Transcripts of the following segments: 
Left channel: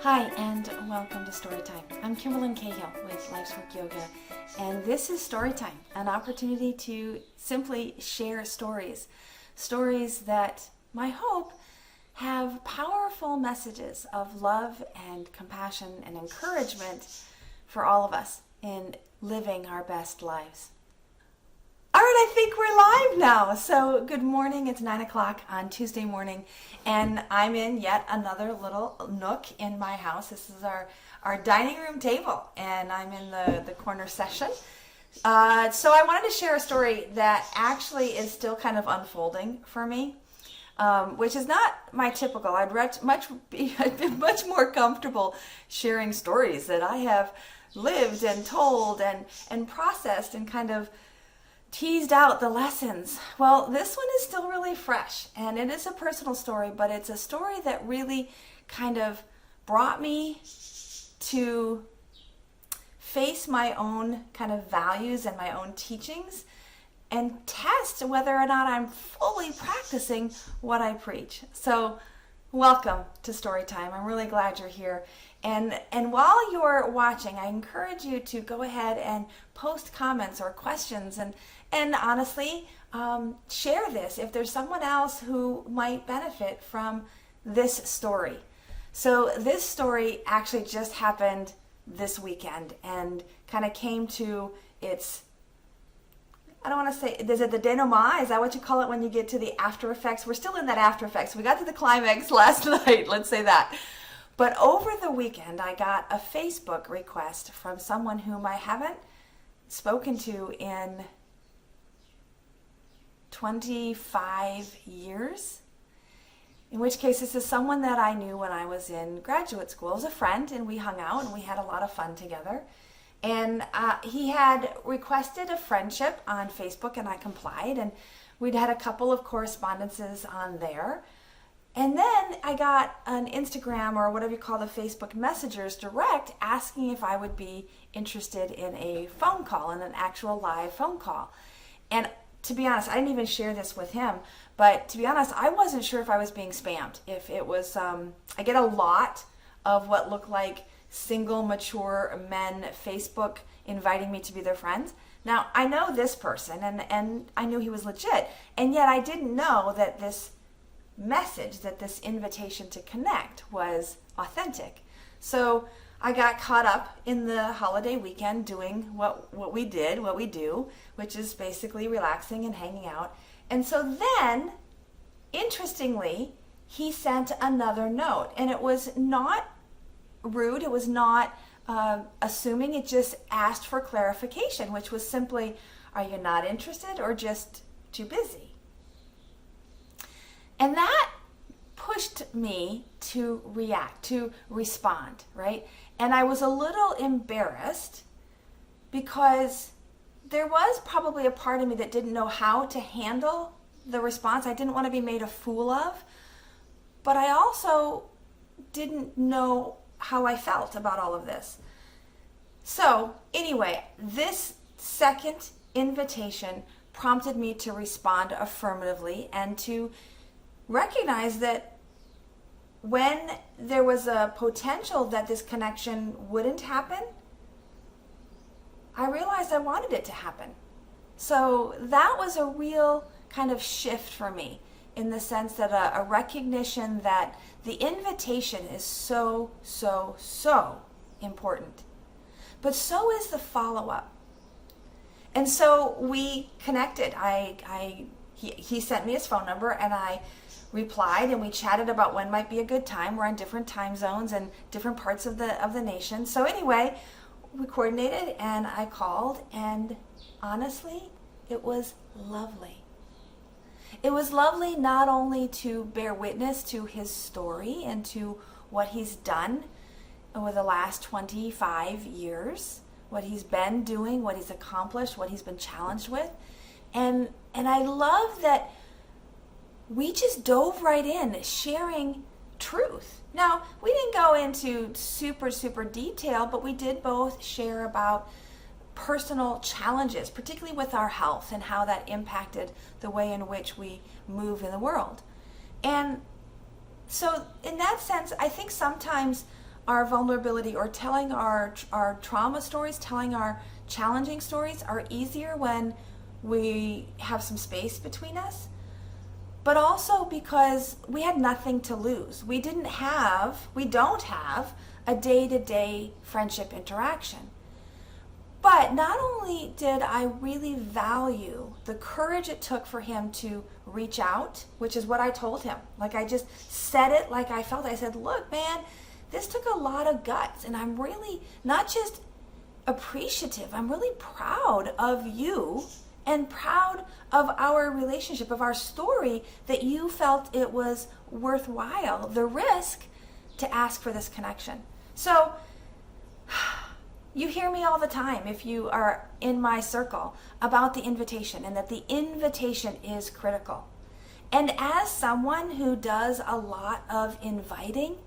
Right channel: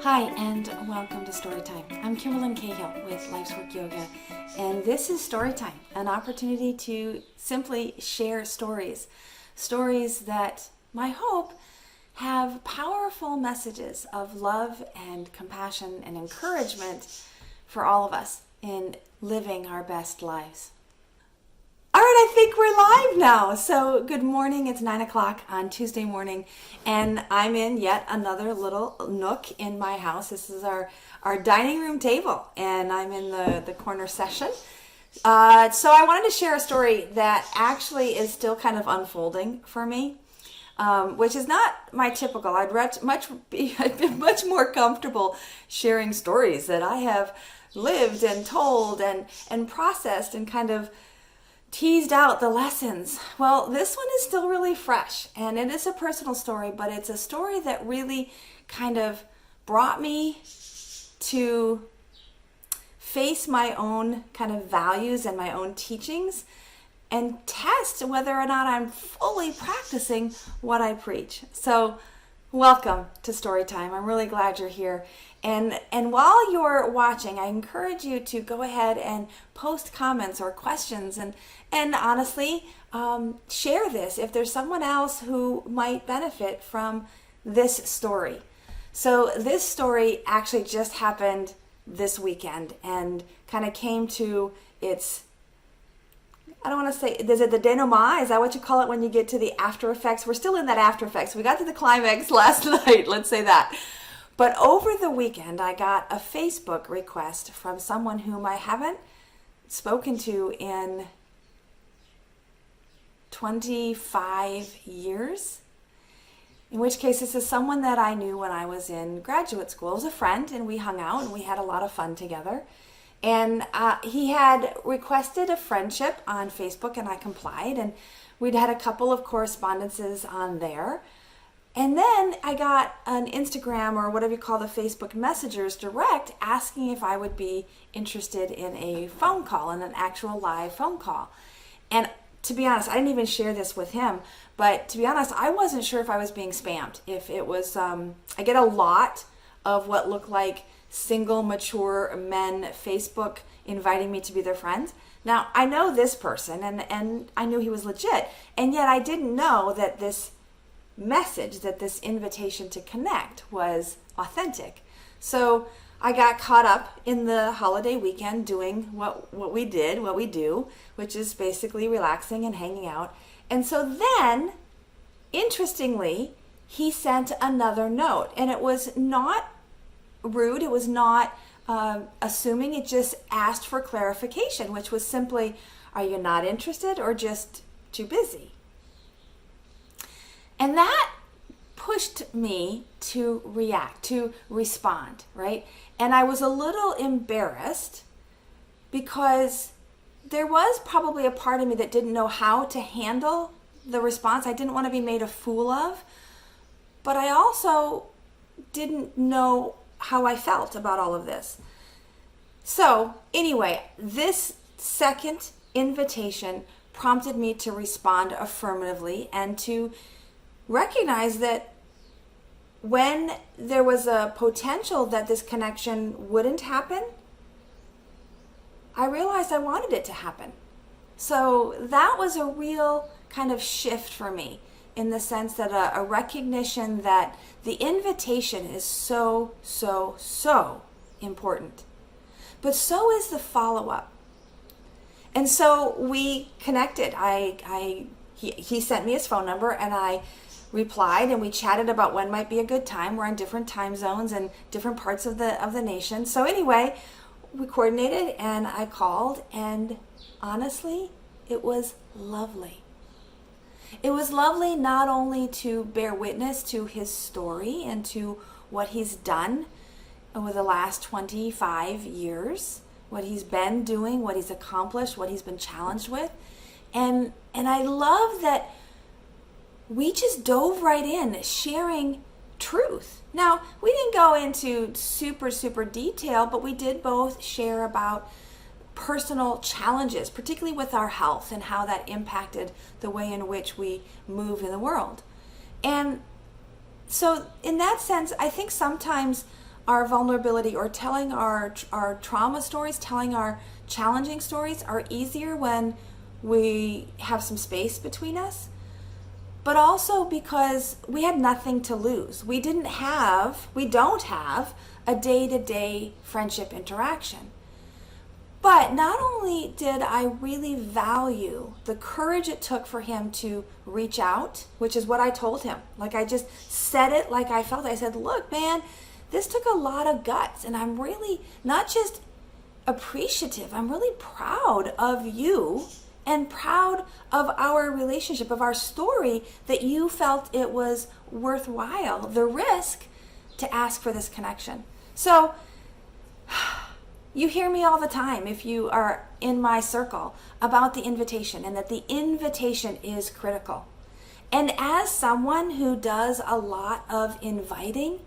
Hi, and welcome to Storytime. I'm Kimberlyn Cahill with Life's Work Yoga, and this is Storytime, an opportunity to simply share stories that my hope have powerful messages of love and compassion and encouragement for all of us in living our best lives. All right, I think we're live now. So good morning. It's 9 o'clock on Tuesday morning, and I'm in yet another little nook in my house. This is our dining room table, and I'm in the corner section. So I wanted to share a story that actually is still kind of unfolding for me, which is not my typical. I'd be much more comfortable sharing stories that I have lived and told and processed and kind of teased out the lessons. Well, this one is still really fresh, and it is a personal story, but it's a story that really kind of brought me to face my own kind of values and my own teachings and test whether or not I'm fully practicing what I preach. So welcome to Storytime. I'm really glad you're here. And while you're watching, I encourage you to go ahead and post comments or questions and honestly share this if there's someone else who might benefit from this story. So this story actually just happened this weekend and kind of came to its, I don't want to say, is it the denouement? Is that what you call it when you get to the after effects? We're still in that after effects. We got to the climax last night, let's say that. But over the weekend, I got a Facebook request from someone whom I haven't spoken to in 25 years. In which case, this is someone that I knew when I was in graduate school. It was a friend, and we hung out, and we had a lot of fun together. And he had requested a friendship on Facebook, and I complied. And we'd had a couple of correspondences on there. And then I got an Instagram or whatever you call the Facebook messengers direct asking if I would be interested in a phone call, in an actual live phone call. And to be honest, I didn't even share this with him, but to be honest, I wasn't sure if I was being spammed. If it was, I get a lot of what look like single, mature men Facebook inviting me to be their friends. Now, I know this person and I knew he was legit, and yet I didn't know that this message, that this invitation to connect was authentic. So I got caught up in the holiday weekend doing what we do, which is basically relaxing and hanging out. And so then, interestingly, he sent another note, and it was not rude, it was not assuming, it just asked for clarification, which was simply, are you not interested or just too busy? And that pushed me to react, to respond, right? And I was a little embarrassed because there was probably a part of me that didn't know how to handle the response. I didn't want to be made a fool of, but I also didn't know how I felt about all of this. So anyway, this second invitation prompted me to respond affirmatively and to recognize that when there was a potential that this connection wouldn't happen, I realized I wanted it to happen. So that was a real kind of shift for me, in the sense that a recognition that the invitation is so important. But so is the follow-up. And so we connected. He sent me his phone number, and I replied, and we chatted about when might be a good time. We're in different time zones and different parts of the nation. So anyway, we coordinated, and I called, and honestly, it was lovely. It was lovely not only to bear witness to his story and to what he's done over the last 25 years, what he's been doing, what he's accomplished, what he's been challenged with. And I love that we just dove right in, sharing truth. Now, we didn't go into super detail, but we did both share about personal challenges, particularly with our health and how that impacted the way in which we move in the world. And So in that sense, I think sometimes our vulnerability or telling our trauma stories, telling our challenging stories are easier when we have some space between us, but also because we had nothing to lose. We don't have a day-to-day friendship interaction. But not only did I really value the courage it took for him to reach out, which is what I told him. Like, I just said it like I felt. I said, look, man, this took a lot of guts, and I'm really not just appreciative, I'm really proud of you and proud of our relationship, of our story, that you felt it was worthwhile, the risk to ask for this connection. So you hear me all the time, if you are in my circle, about the invitation, and that the invitation is critical. And as someone who does a lot of inviting,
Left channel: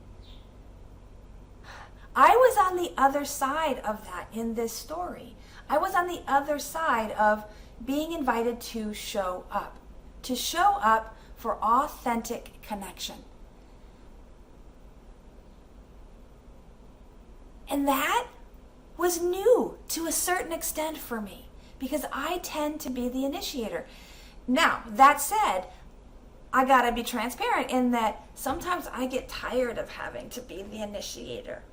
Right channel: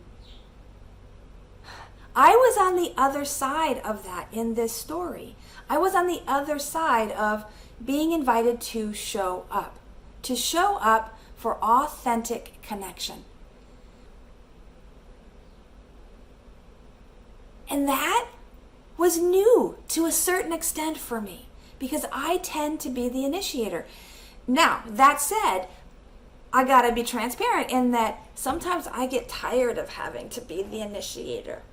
I was on the other side of that in this story. I was on the other side of being invited to show up for authentic connection. And that was new to a certain extent for me, because I tend to be the initiator. Now, that said, I gotta be transparent in that sometimes I get tired of having to be the initiator.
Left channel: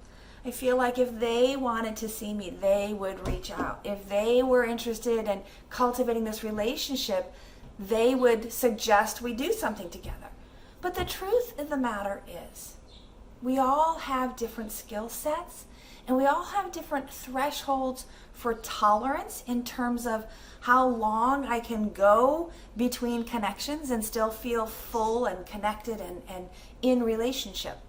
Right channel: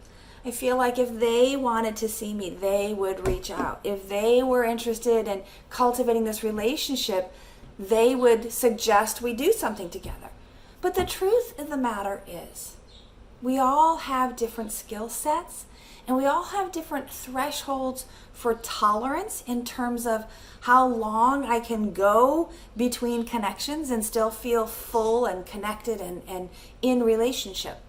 I feel like if they wanted to see me, they would reach out. If they were interested in cultivating this relationship, they would suggest we do something together. But the truth of the matter is, we all have different skill sets, and we all have different thresholds for tolerance in terms of how long I can go between connections and still feel full and connected and in relationship.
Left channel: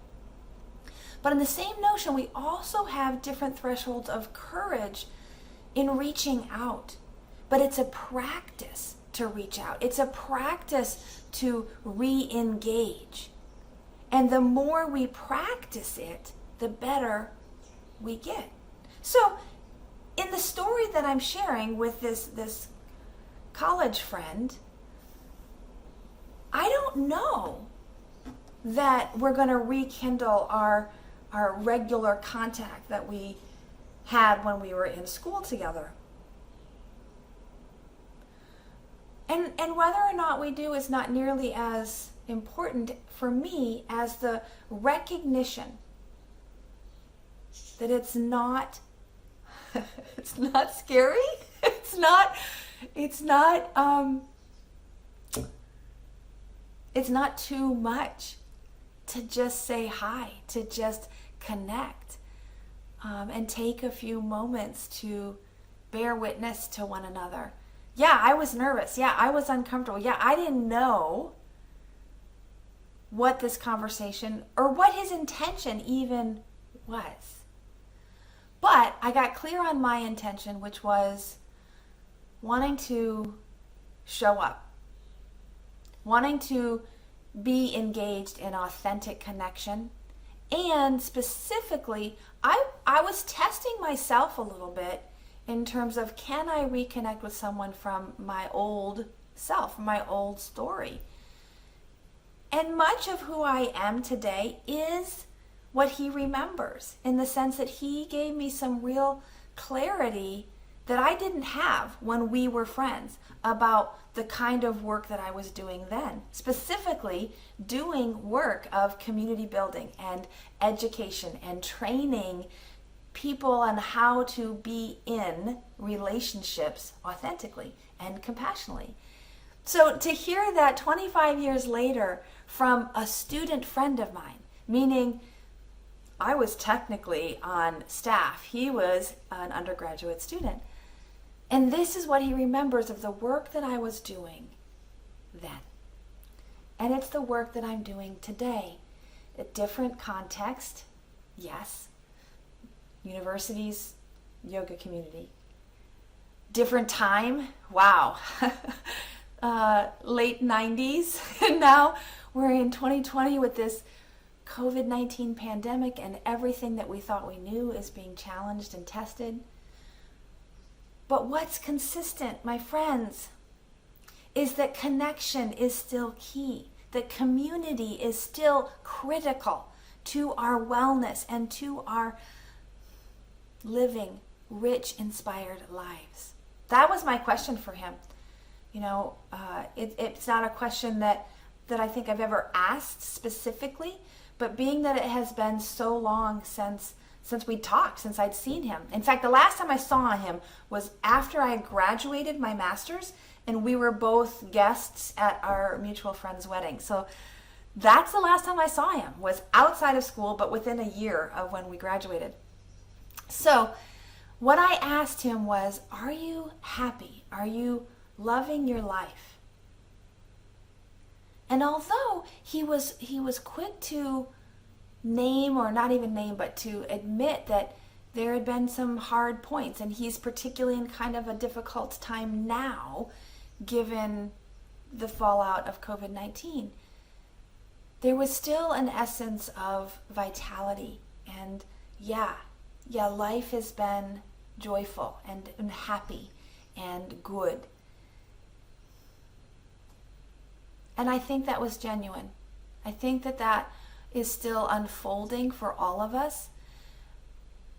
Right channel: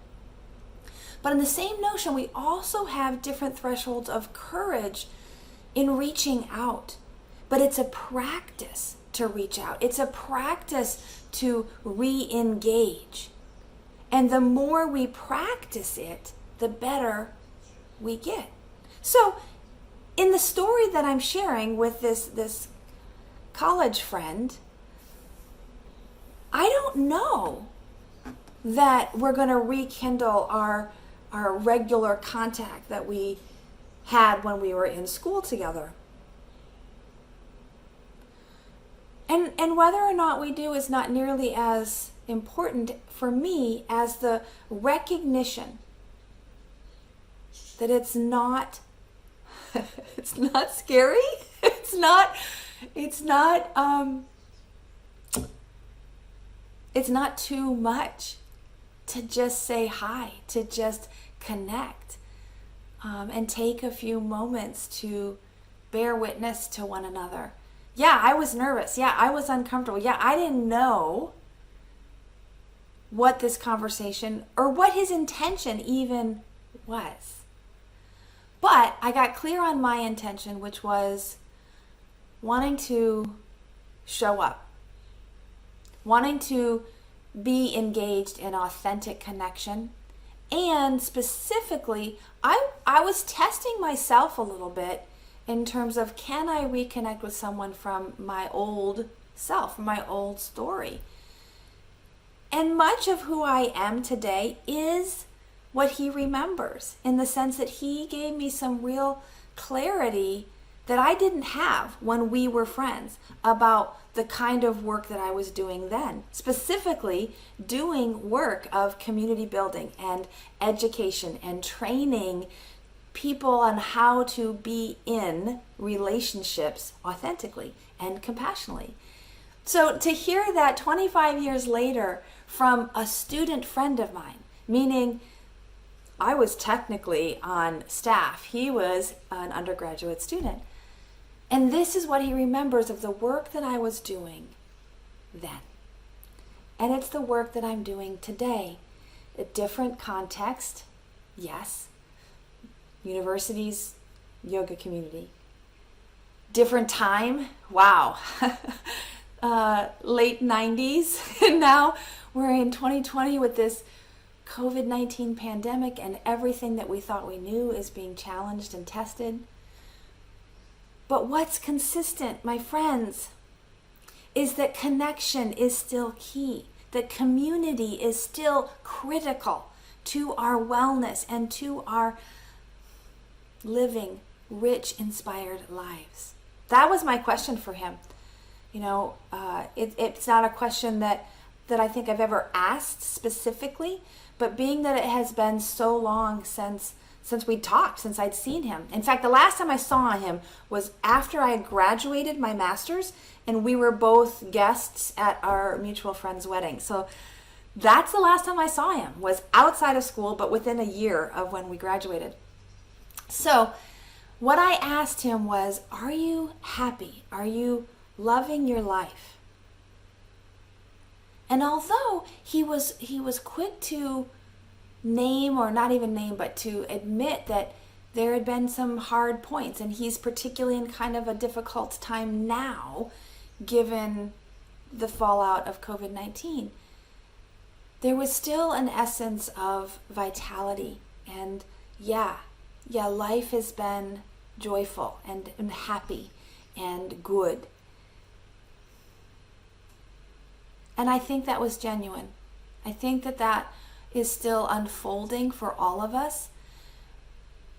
But in the same notion, we also have different thresholds of courage in reaching out. But it's a practice to reach out. It's a practice to re-engage. And the more we practice it, the better we get. So in the story that I'm sharing with this college friend, I don't know that we're going to rekindle our regular contact that we had when we were in school together. And whether or not we do is not nearly as important for me as the recognition that it's not it's not scary. It's not too much to just say hi, to just connect, and take a few moments to bear witness to one another. Yeah, I was nervous. Yeah, I was uncomfortable. Yeah, I didn't know what this conversation or what his intention even was. But I got clear on my intention, which was wanting to show up, wanting to be engaged in authentic connection. And specifically, I was testing myself a little bit in terms of, can I reconnect with someone from my old self, from my old story? And much of who I am today is what he remembers, in the sense that he gave me some real clarity that I didn't have when we were friends about the kind of work that I was doing then, specifically doing work of community building and education and training people on how to be in relationships authentically and compassionately. So to hear that 25 years later from a student friend of mine, meaning I was technically on staff, he was an undergraduate student, and this is what he remembers of the work that I was doing then. And it's the work that I'm doing today. A different context, yes. Universities, yoga community. Different time, wow. Late 90s, and now we're in 2020 with this COVID-19 pandemic, and everything that we thought we knew is being challenged and tested. But what's consistent, my friends, is that connection is still key. that community is still critical to our wellness and to our living rich, inspired lives. That was my question for him. It's not a question that I think I've ever asked specifically, but being that it has been so long since we talked, since I'd seen him. In fact, the last time I saw him was after I had graduated my master's, and we were both guests at our mutual friend's wedding. So that's the last time I saw him, was outside of school, but within a year of when we graduated. So what I asked him was, are you happy? Are you loving your life? And although he was quick to name, or not even name, but to admit that there had been some hard points, and he's particularly in kind of a difficult time now, given the fallout of COVID-19, there was still an essence of vitality. And life has been joyful and happy and good. And I think that was genuine. I think that is still unfolding for all of us.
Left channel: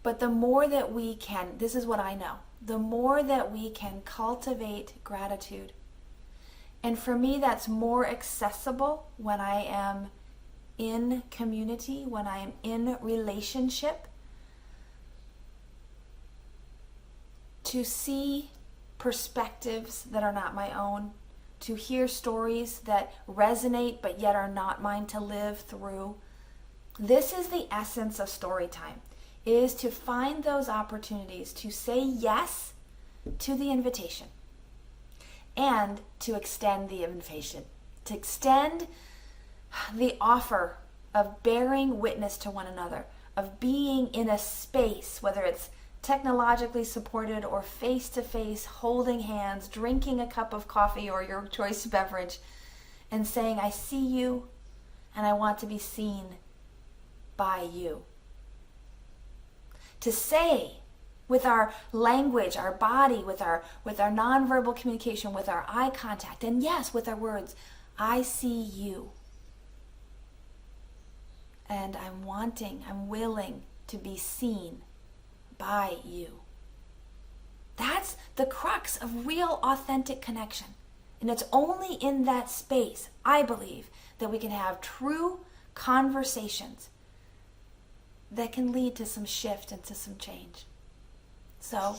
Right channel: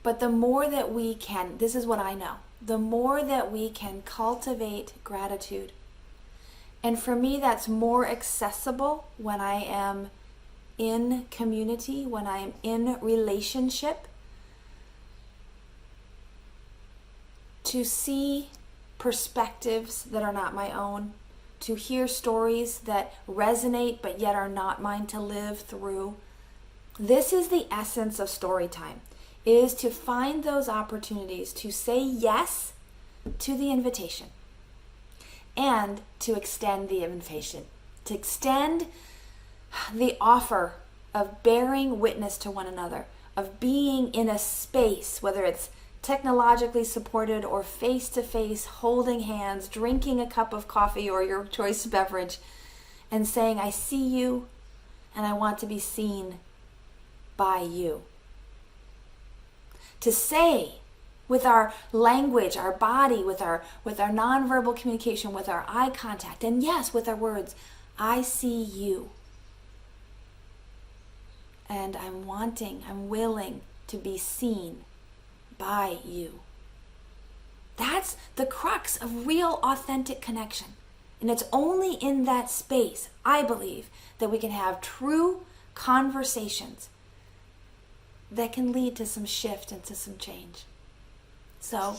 But the more that we can, this is what I know, the more that we can cultivate gratitude. And for me, that's more accessible when I am in community, when I am in relationship, to see perspectives that are not my own, to hear stories that resonate but yet are not mine to live through. This is the essence of story time, is to find those opportunities to say yes to the invitation and to extend the invitation, to extend the offer of bearing witness to one another, of being in a space, whether it's technologically supported or face-to-face, holding hands, drinking a cup of coffee or your choice beverage, and saying, I see you and I want to be seen by you. To say with our language, our body, with our nonverbal communication, with our eye contact, and yes, with our words, I see you. And I'm willing to be seen by you. That's the crux of real, authentic connection. And it's only in that space, I believe, that we can have true conversations that can lead to some shift and to some change. So,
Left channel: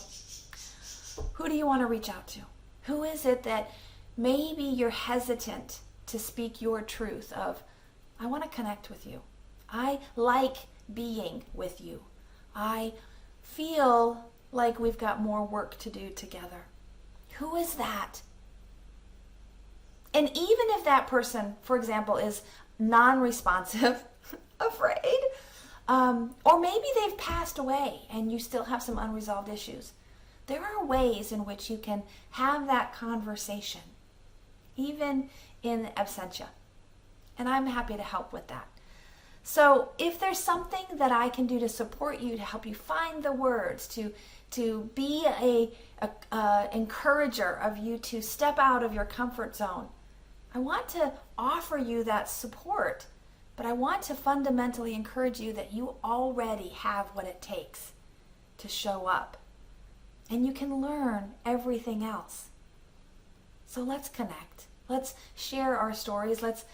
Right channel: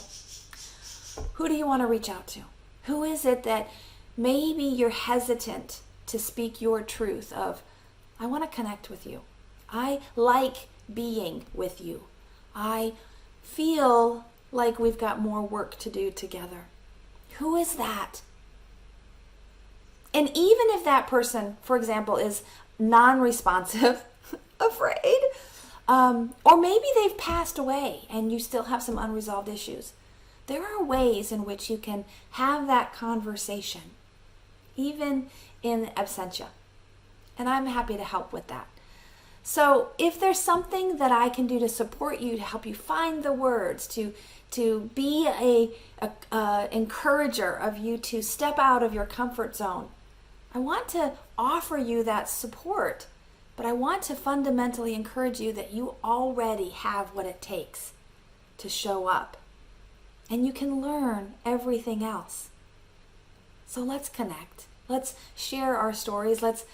who do you want to reach out to? Who is it that maybe you're hesitant to speak your truth of, I want to connect with you. I like being with you. I feel like we've got more work to do together. Who is that? And even if that person, for example, is non-responsive, afraid, or maybe they've passed away and you still have some unresolved issues, there are ways in which you can have that conversation, even in absentia. And I'm happy to help with that. So if there's something that I can do to support you, to help you find the words, to be a encourager of you to step out of your comfort zone, I want to offer you that support, but I want to fundamentally encourage you that you already have what it takes to show up. And you can learn everything else. So let's connect. Let's share our stories. Let's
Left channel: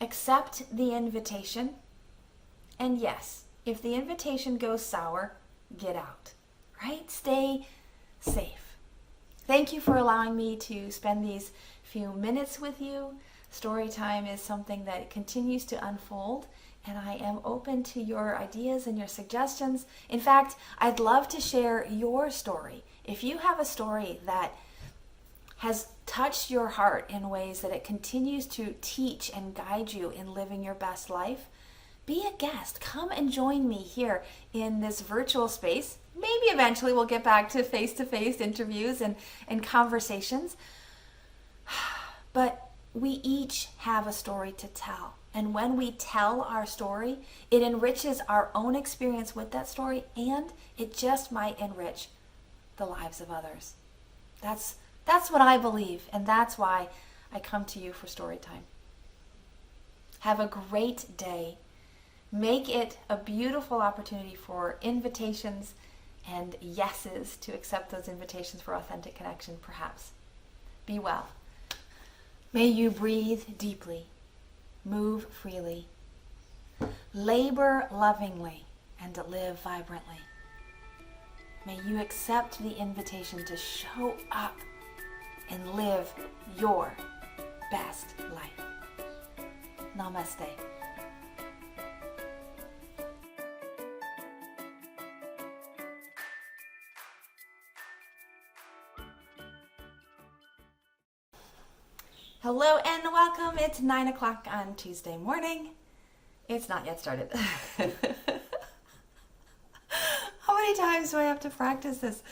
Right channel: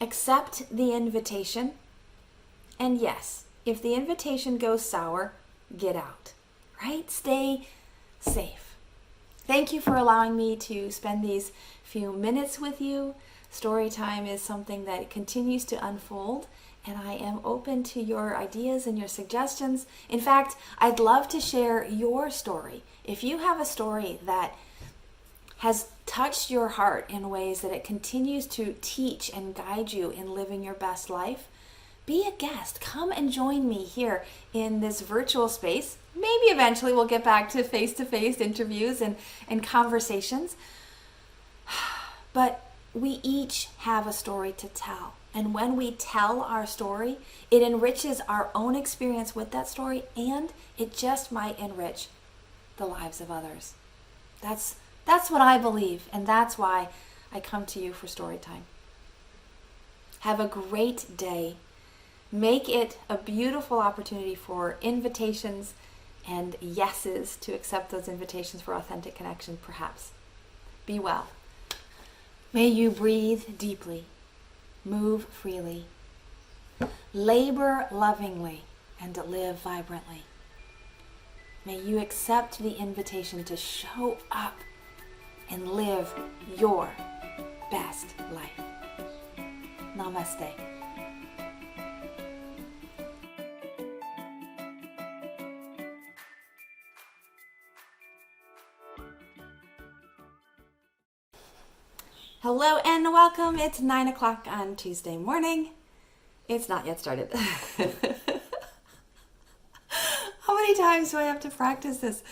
accept the invitation. And yes, if the invitation goes sour, get out, right? Stay safe. Thank you for allowing me to spend these few minutes with you. Story time is something that continues to unfold, and I am open to your ideas and your suggestions. In fact, I'd love to share your story. If you have a story that has touched your heart in ways that it continues to teach and guide you in living your best life, be a guest. Come and join me here in this virtual space. Maybe eventually we'll get back to face-to-face interviews and conversations. But we each have a story to tell. And when we tell our story, it enriches our own experience with that story, and it just might enrich the lives of others. That's what I believe, and that's why I come to you for story time. Have a great day. Make it a beautiful opportunity for invitations and yeses to accept those invitations for authentic connection, perhaps. Be well. May you breathe deeply, move freely, labor lovingly, and live vibrantly. May you accept the invitation to show up and live your best life. Namaste. Hello and welcome. It's 9 o'clock on Tuesday morning. It's not yet started. How many times do I have to practice this?